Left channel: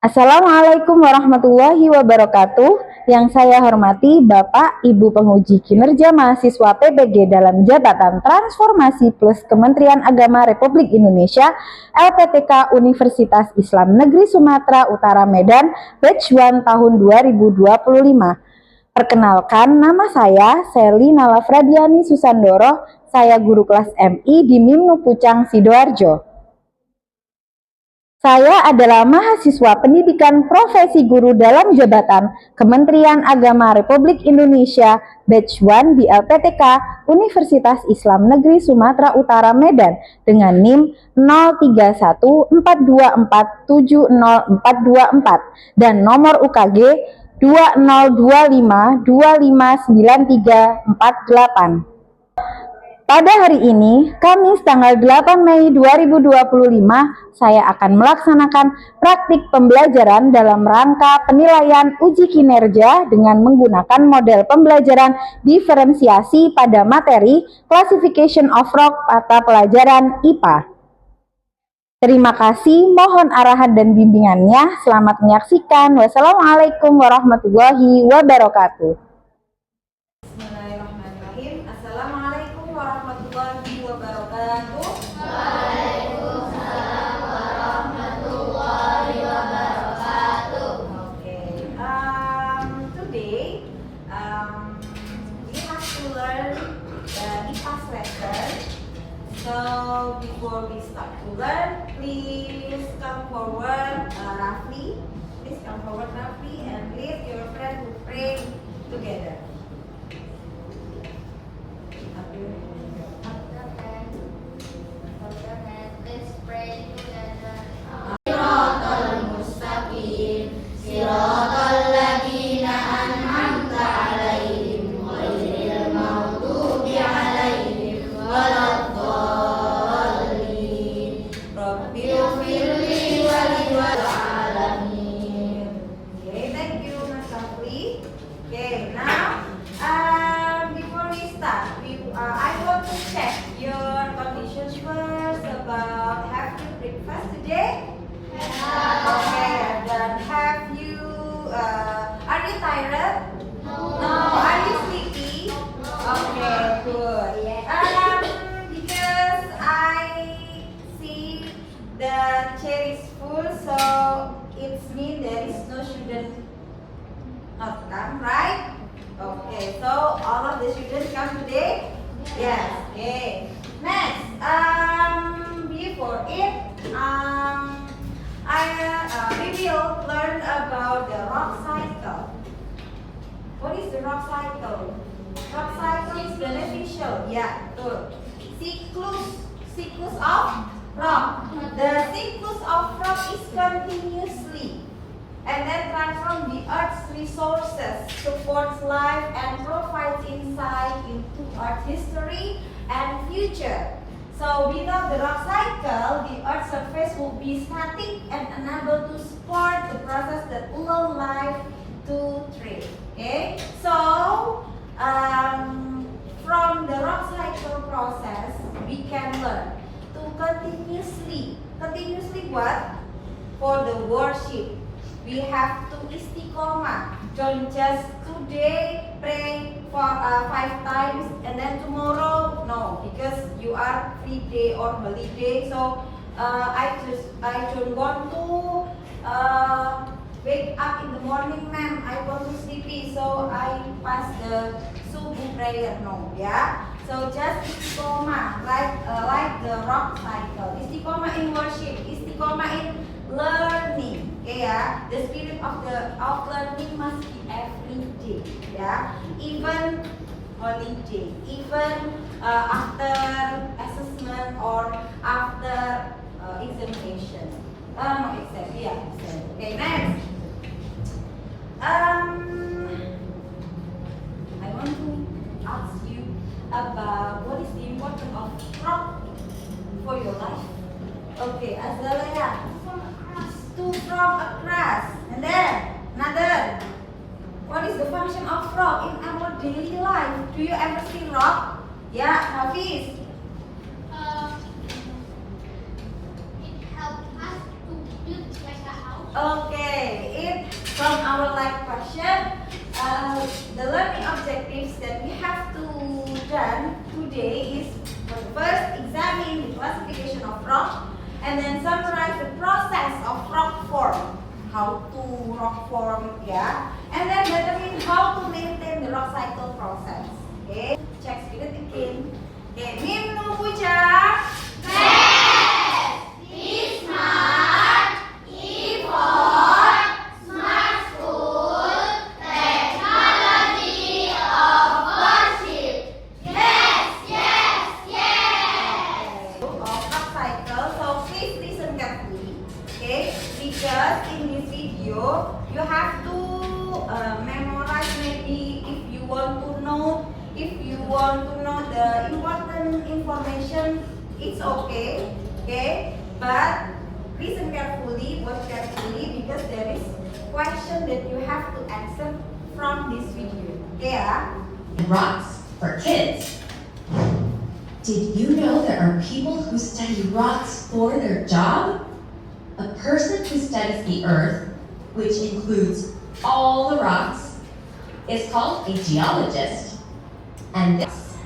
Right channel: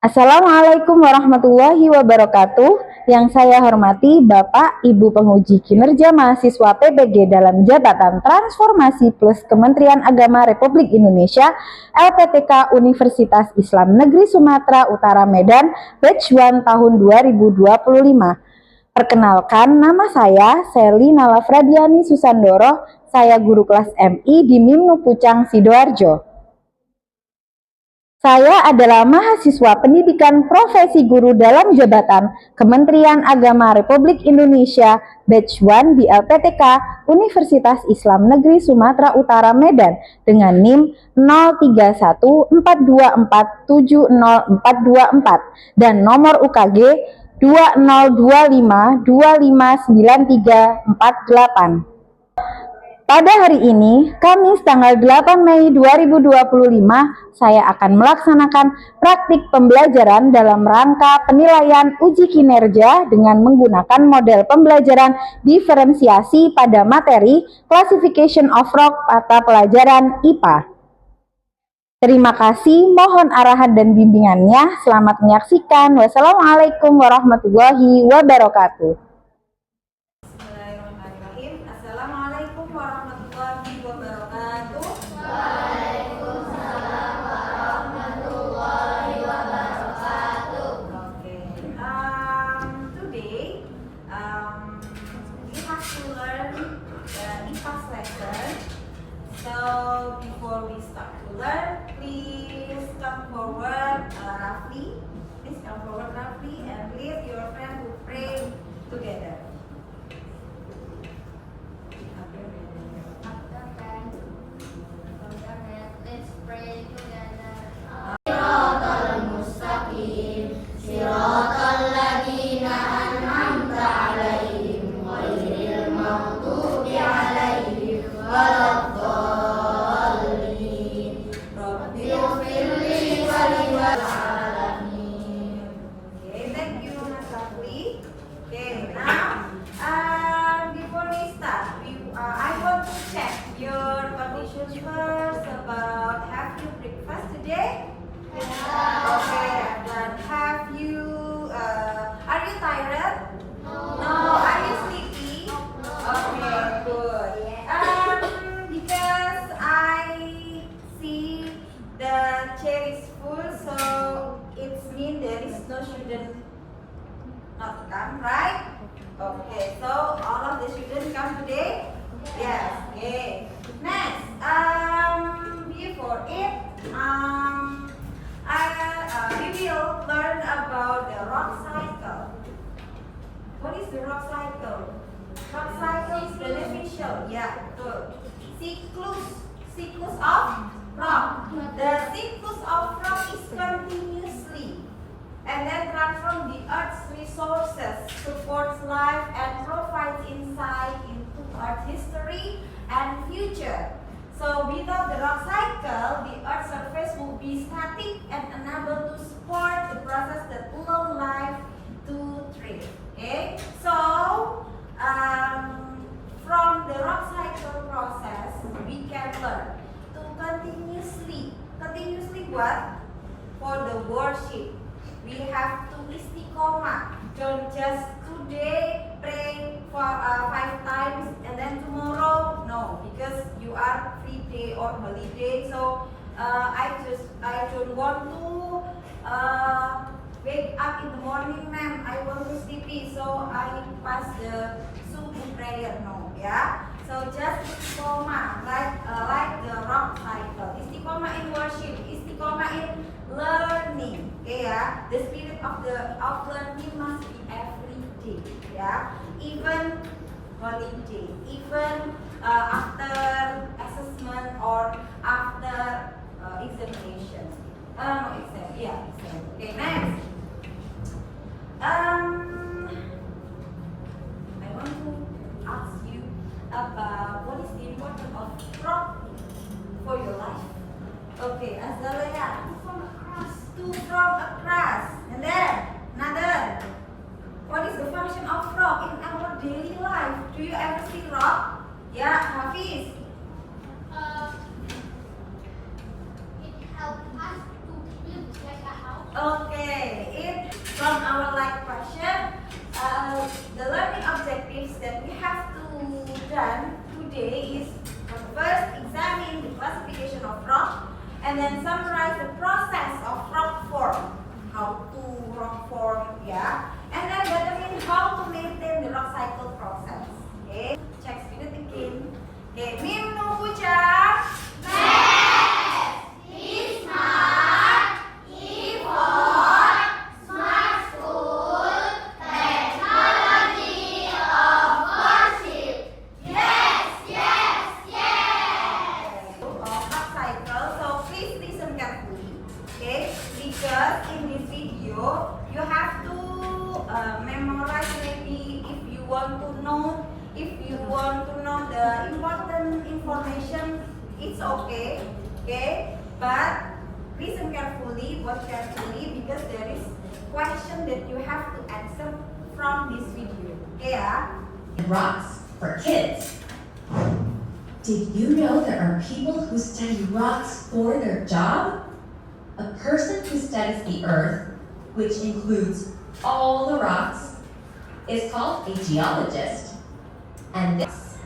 Assalamualaikum warahmatullahi wabarakatuh. Yang saya hormati Bapak Ibu penguji kinerja mahasiswa PPG dalam jabatan Transformasi Plus Kementerian Agama Republik Indonesia LPTK Universitas Islam Negeri Sumatera Utara Medan Batch 1 tahun 2025. Perkenalkan, nama saya Seli Nalafradiani Susandoro. Saya guru kelas MI di Mimnu Pucang Sidoarjo. Saya adalah mahasiswa pendidikan profesi guru dalam jabatan Kementerian Agama Republik Indonesia Batch 1 di LPTK Universitas Islam Negeri Sumatera Utara Medan dengan NIM 0314247044 dan nomor UKG 2025259348. Pada hari ini, Kamis tanggal 8 Mei 2025, saya akan melaksanakan praktik pembelajaran dalam rangka penilaian uji kinerja dengan menggunakan model pembelajaran diferensiasi pada materi Classification of Rock mata pelajaran IPA. Terima kasih, mohon arahan dan bimbingannya. Selamat menyaksikan. Wassalamualaikum warahmatullahi wabarakatuh. So before we start to learn, please come forward roughly. Please come forward roughly and lead your friend to pray together. Let's pray together. Okay, thank you, Mas Rafli. Okay, now before we start, I want to check your conditions first about have you breakfast today? Okay, then have you are you tired? No. Are you sleepy? Okay, good. Because I see the chair is full, so it means there is no student not come, right? Okay, so all of the students come today? Yes. Okay. Next, before it, we will learn about the rock cycle. What is the rock cycle? Rock cycle is beneficial. Yeah, good. Cyclus of rock. The cyclus of rock is continuously and then transform the earth's resources, supports life and provides insight into earth's history and future. So without the rock cycle, the earth's surface will be static and unable to support the process that allow life to thrive. Okay, so from the rock cycle process, we can learn to continuously what? For the worship, we have to istiqomah. Don't just today pray for 5 times and then tomorrow no, because you are free day or holiday. So I don't want to wake up in the morning, ma'am. I want to sleepy, so I pass the subuh prayer. No, yeah. So just istiqomah, like the rock cycle. Istiqomah in worship, istiqomah in learning. Okay, yeah. The spirit of learning must be every day. Yeah. Even holiday, even after assessment or after examination. No exam. Yeah, exam. Okay, next. I want to ask you about what is the importance of rock for your life. Okay, Azalea. To from across. And then another. What is the function of rock in our daily life? Do you ever see rock? Yeah, Hafiz. It helps us to build like a house. Okay. done today is first examine the classification of rock and then summarize the process of rock form. How to rock form, yeah. And then determine how to maintain the rock cycle process. Okay, check speed again. Okay, Mim nu ucap. Because in this video you have to memorize, maybe if you want to know the important information, it's okay, but listen carefully, watch carefully, because there is question that you have to answer from this video. Yeah. Rocks for kids. Did you know there are people who study rocks for their job? A person who studies the earth, which includes all the rocks, is called a geologist. And this,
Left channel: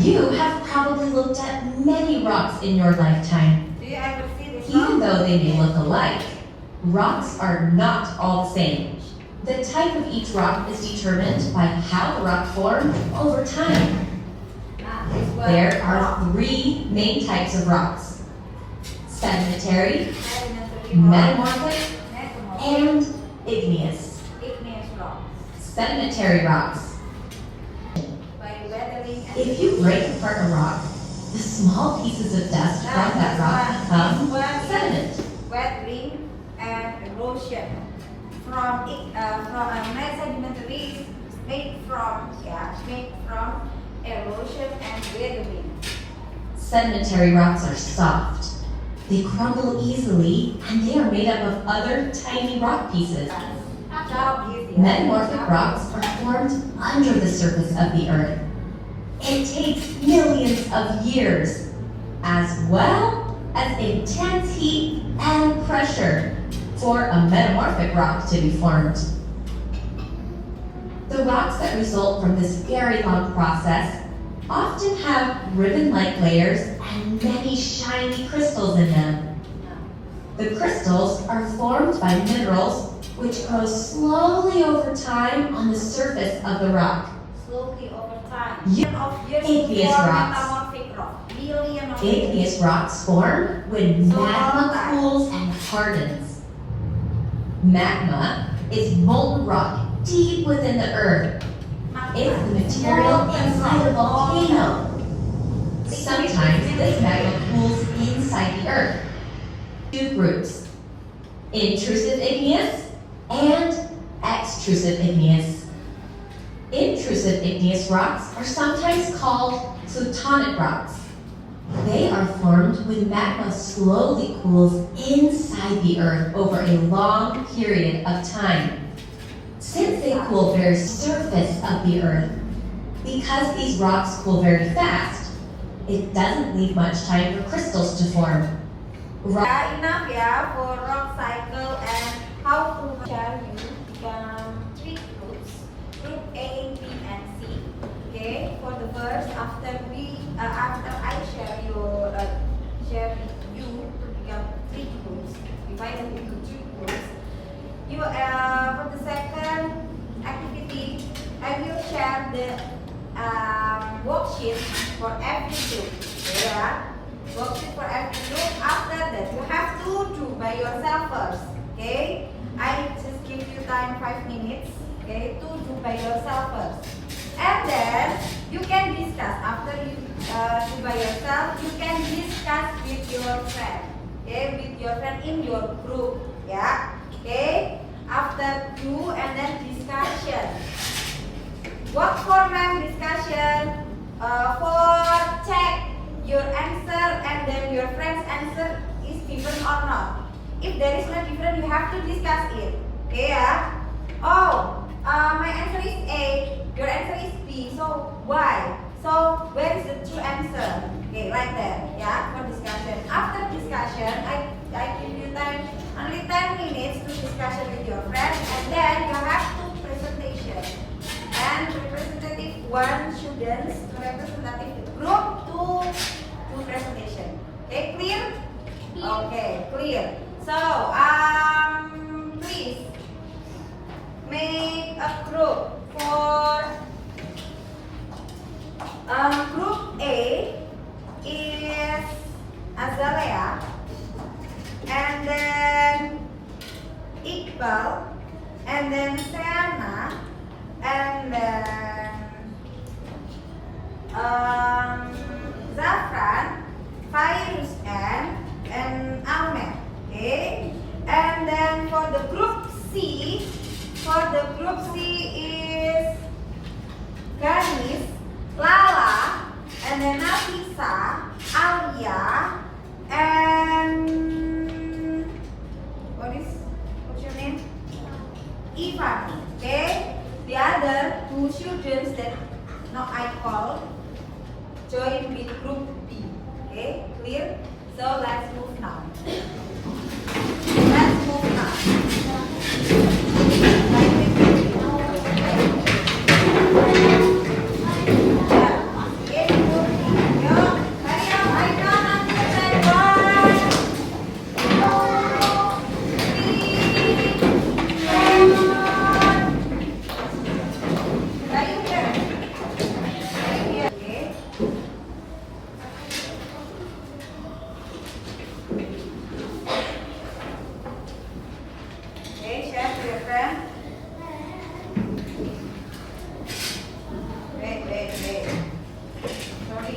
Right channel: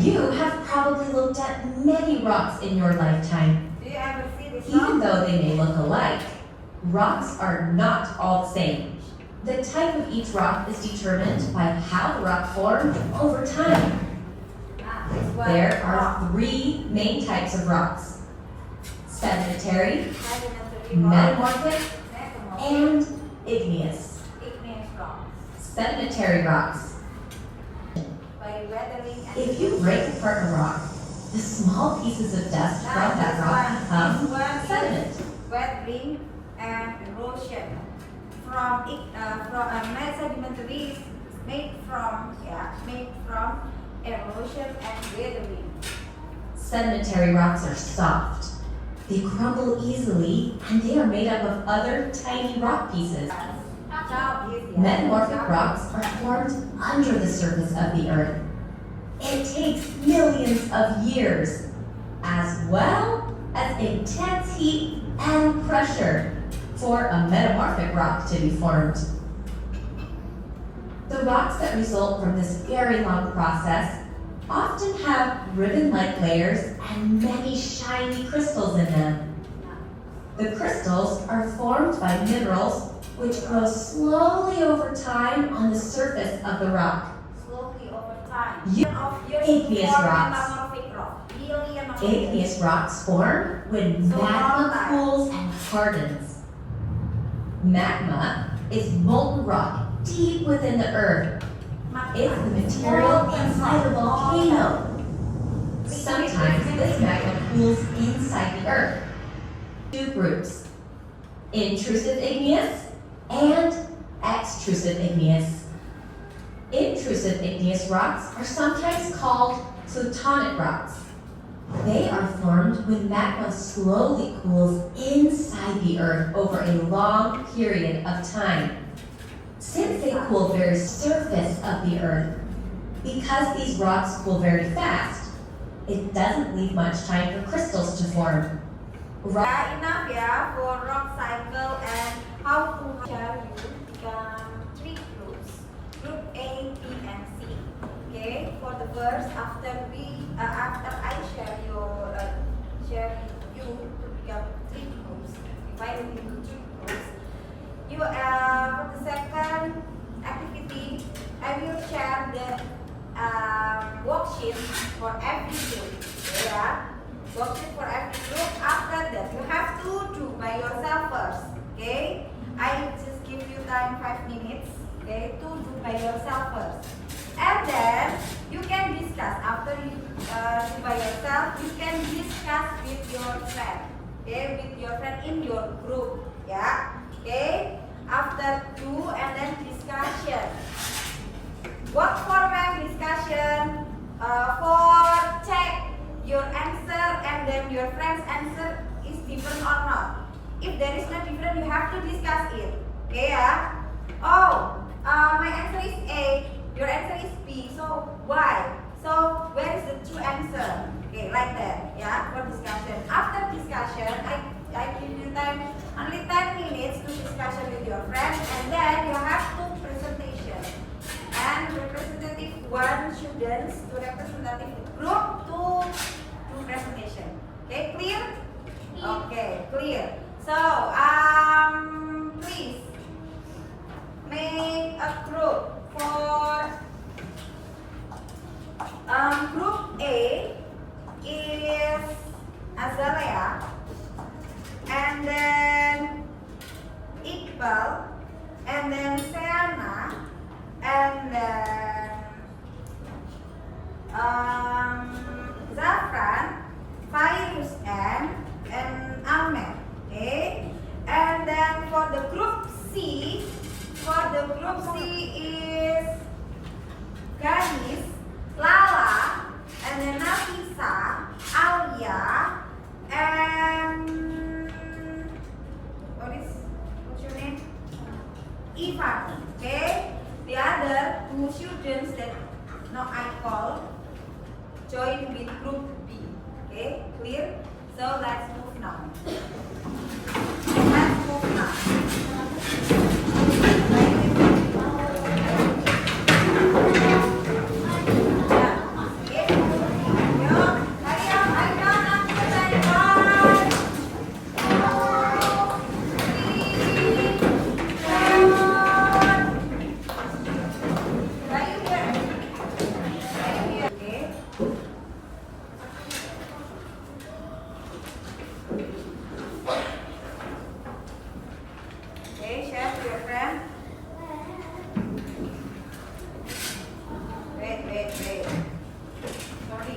you have probably looked at many rocks in your lifetime. Do you ever see this? Even though they may look alike, rocks are not all the same. The type of each rock is determined by how the rock formed over time. This one. There are three main types of rocks: sedimentary, metamorphic, and igneous. igneous rocks. Sedimentary rocks. By weathering and If you break apart a rock, the small pieces of dust from that rock become sediment. weathering and erosion. From sedimentary is made from erosion and weathering. Sedimentary rocks are soft. They crumble easily, and they are made up of other tiny rock pieces. Metamorphic rocks are formed under the surface of the earth. It takes millions of years, as well as intense heat and pressure, for a metamorphic rock to be formed. The rocks that result from this very long process often have ribbon-like layers and many shiny crystals in them. The crystals are formed by minerals which grow slowly over time on the surface of the rock. Slowly over time. Igneous rocks. Igneous rocks form when magma cools and hardens. Magma is molten rock deep within the earth. It's the material inside a volcano. Sometimes this magma cools inside the earth. Two groups: intrusive igneous and extrusive igneous. Intrusive igneous rocks are sometimes called plutonic rocks. They are formed when magma slowly cools inside the earth over a long period of time. Since they cool very surface of the earth, because these rocks cool very fast, it doesn't leave much time for crystals to form. Enough for rock cycle and how to share you three groups, group A, B, and C. Okay, for the first, after I share you to become three groups, divided into three groups. You for the second activity, I will share the worksheet for every group. Yeah, worksheet for every group. After that, you have to do by yourself first. Okay, I just give you time 5 minutes. Okay, to do by yourself first, and then you can discuss after you do by yourself. You can discuss with your friend. Okay, with your friend in your group. Yeah. Okay, after do and then discussion. What format discussion? For check your answer and then your friend's answer is different or not. If there is no different, you have to discuss it. Okay, yeah? Oh, my answer is A, your answer is B. So why? So where is the true answer? Okay, like that. Yeah, for discussion. After discussion, I give you time, only 10 minutes to discussion with your friends, and then you have to presentation. And one representative, one students to representative group to do presentation. Okay, clear? Okay, clear. So, please make a group for group A is Azalea, and then Iqbal, and then Seana, and then Zafran, Fairuz, and Ahmed. Okay, and then for the group C is Ganis, Lala, and then Nafisa, Alia, and what's your name? Ivan. Okay, the other two students that now I call join with group B. Okay, clear? So let's move now. Let's move now. Okay, share to your friend. Wait. Sorry.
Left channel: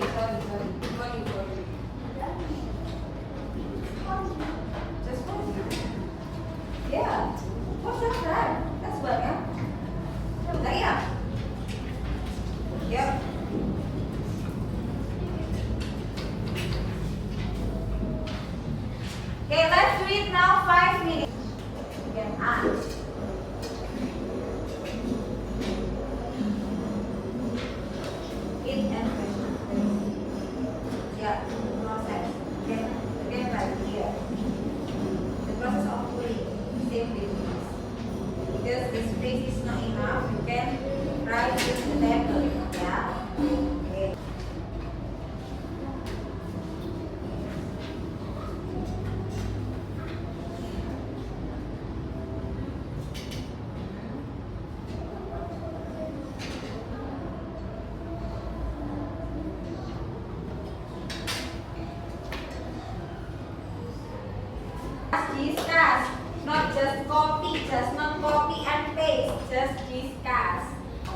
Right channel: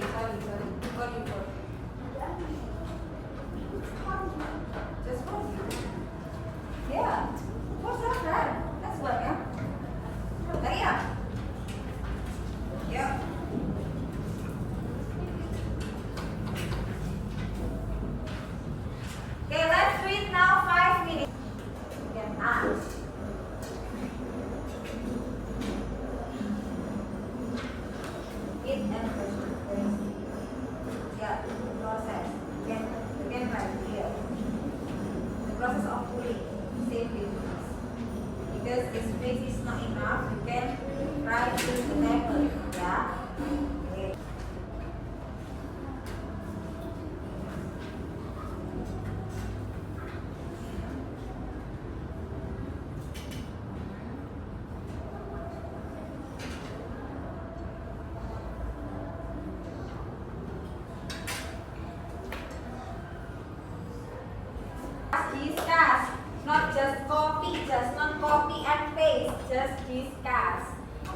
Just one. Yeah. What's that friend? That's what, yeah. Hurry up. Yep. Okay, let's do it now. 5 minutes. You can ask. It and question. Yeah, process. Again right here. The process of pulling. Same with this. Because the space is not enough, you can try to use the table. Yeah. Okay. Discuss, not just copy, just not copy and paste, just discuss.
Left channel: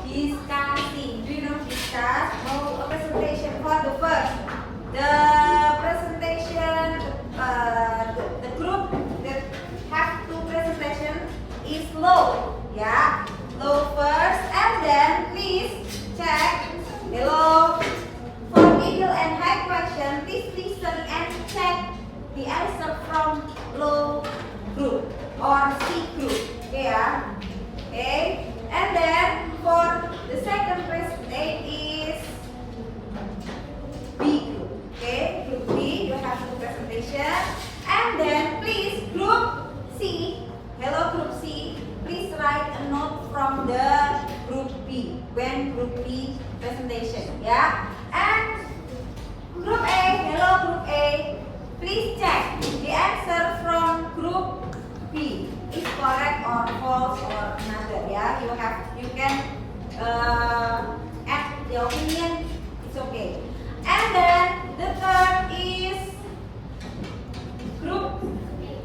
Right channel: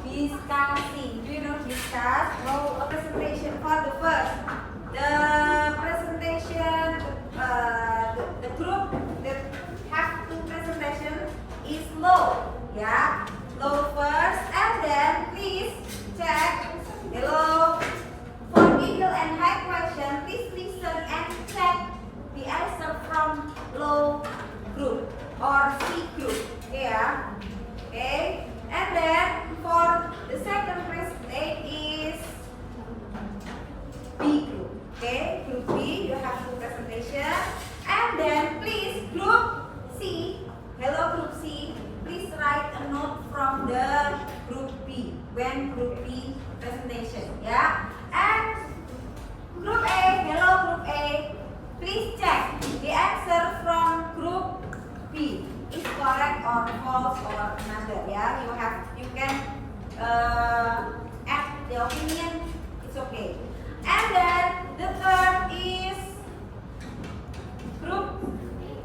Discussing, do you know discuss? No, a presentation for the first. The presentation, the group that have two presentation is low, yeah, low first, and then please check below. For middle and high question, please listen and check the answer from low group or C group. Okay, yeah? Okay. And then for the second presentation is B group. Okay, group B, you have two presentation. And then please group C, hello group C, please write a note from the group B when group B presentation. Yeah. And group A, hello group A, please check the answer from group B is correct or false or another. Yeah, you can add the opinion. It's okay. And then the third is group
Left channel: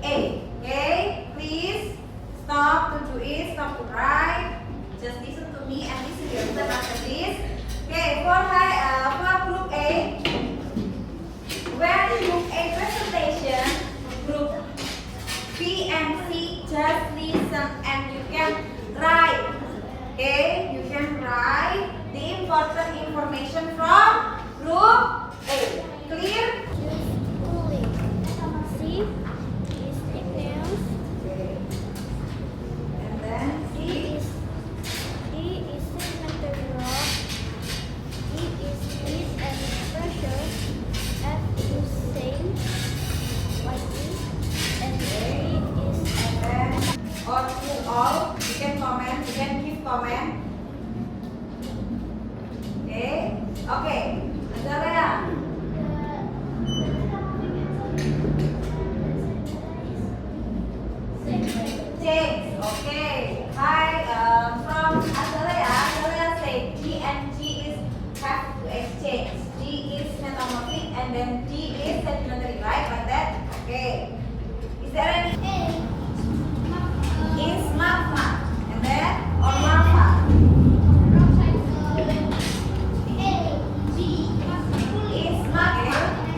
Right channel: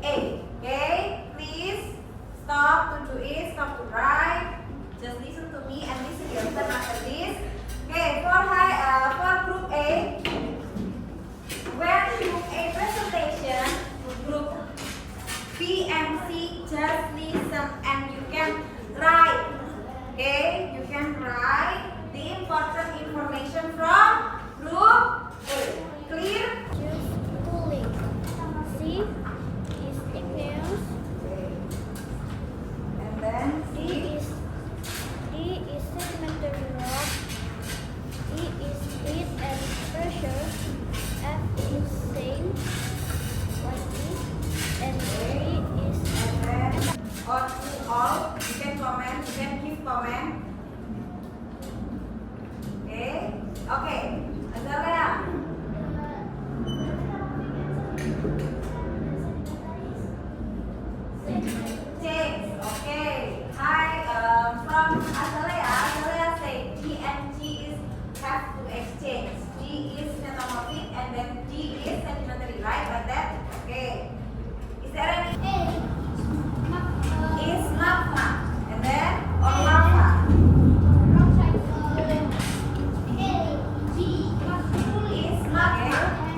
A. Okay, please stop to do it. Stop to write. Just listen to me and listen to your turn after this. Okay, for group A. When group A presentation, group B and C just listen and you can write. Okay, you can write the important information from group A. Clear? Choose cooling. C is igneous. Okay. And then D is sedimentary rock. E is heat and pressure. F is sand. Y is and G is and then or to all, you can comment, you can give comment. Okay, Azalea. Change. Okay. Hi. From Azalea. Azalea say G and G is have to exchange. G is metamorphic and then G is sedimentary, right? Like that. Okay. Is there any? Is magma and then or lava? Is magma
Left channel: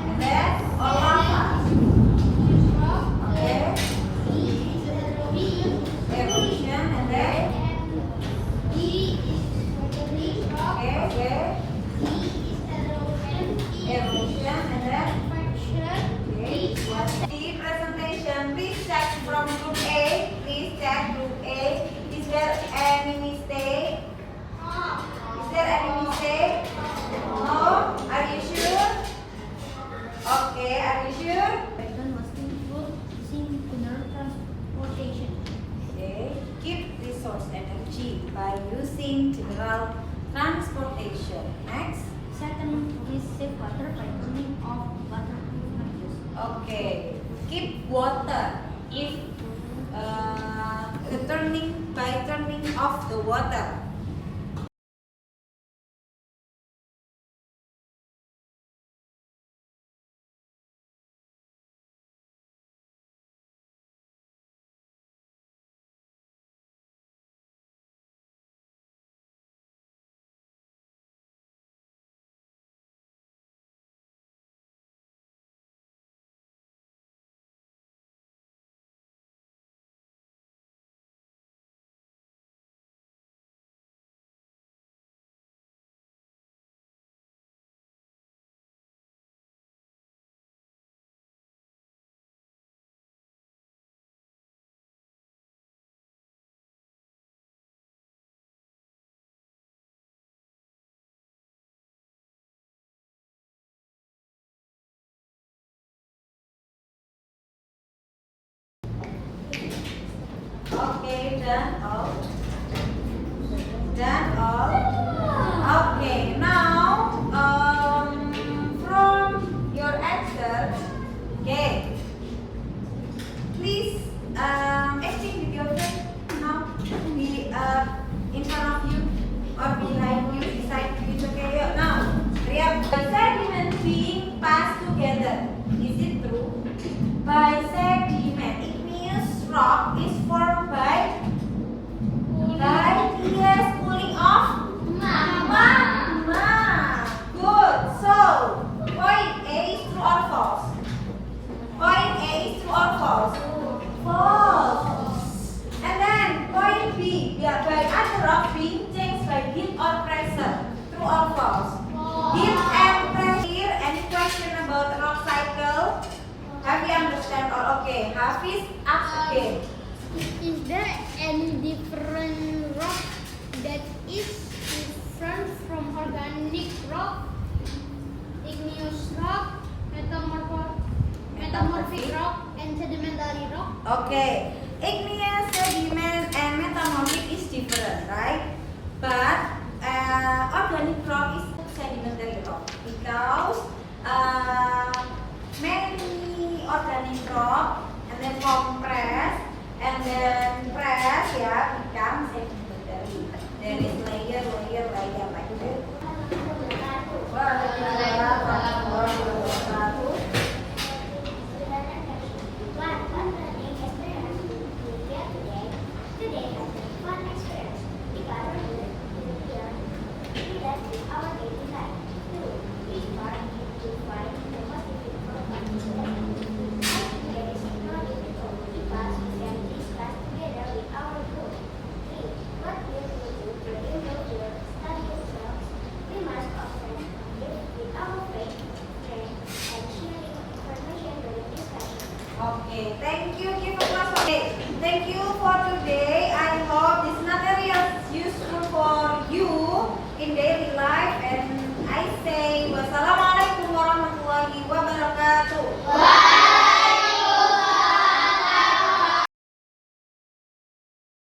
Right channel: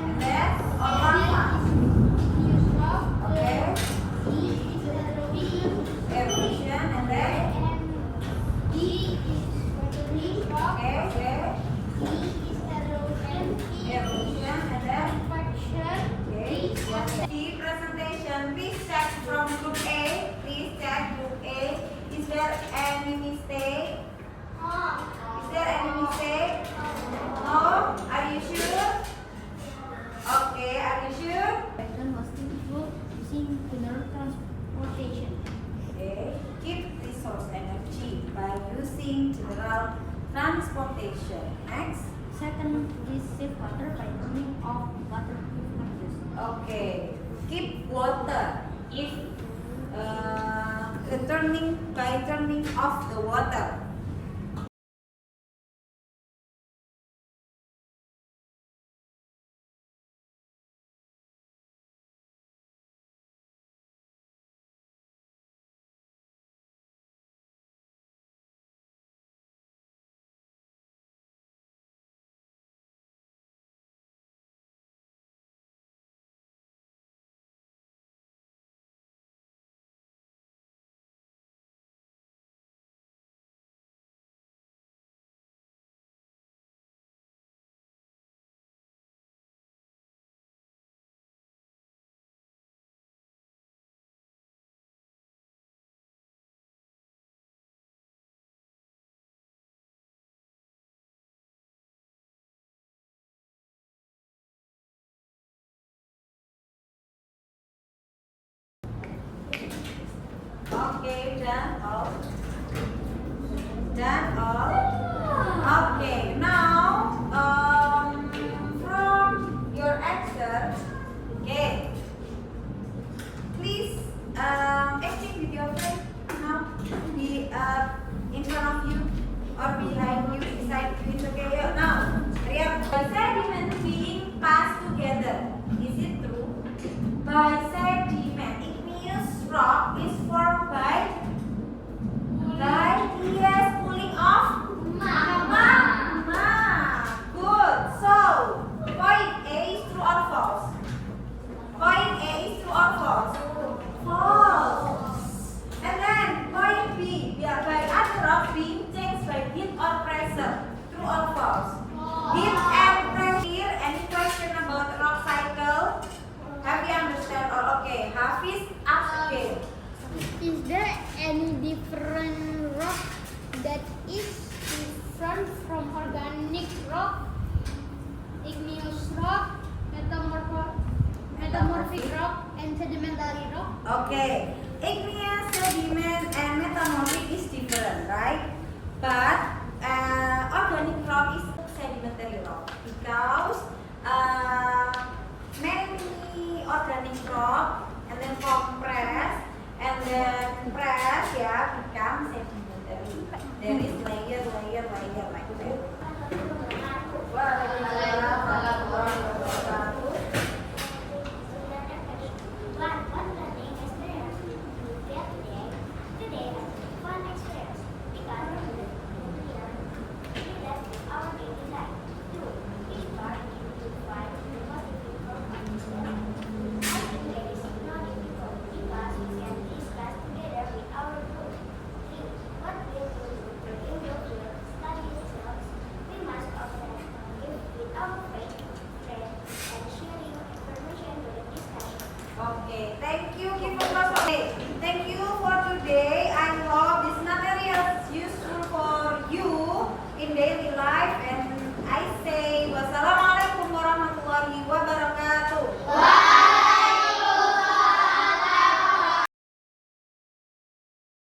and then or lava? Okay. Evolution and then okay. Evolution and then okay. The presentation, please check from group A. Please check group A. Is there any mistake? Is there any mistake? No? Are you sure? Okay, are you sure? Okay. Keep resource energy by using general transportation. Next. Second is save water by turning off water filters. Okay. Keep water if turning off the water. Okay, done all. Done all. Okay, now from your answer, okay, please exchange with your friend now. Be in front of you or behind you, beside you. It's okay. Yo, now, hurry up. By sediment being passed together, is it true? By sediment, igneous rock is formed by yes, cooling off magma. Good. So point A is true or false? Point A is true or false? False. And then point B, yeah, by other rock being changed by heat or pressure. True or false? Heat and pressure. Any question about rock cycle? Have you understand? Or okay, Hafiz, ask again. Is there any different rock that is different from organic rock, igneous rock, metamorphic rock, and sedimentary rock? Okay, igneous, sediment, and metamorphic is different, right? But organic rock is sedimentary rock because many organic rock and then compress and then press, yeah, become sedimentary. There is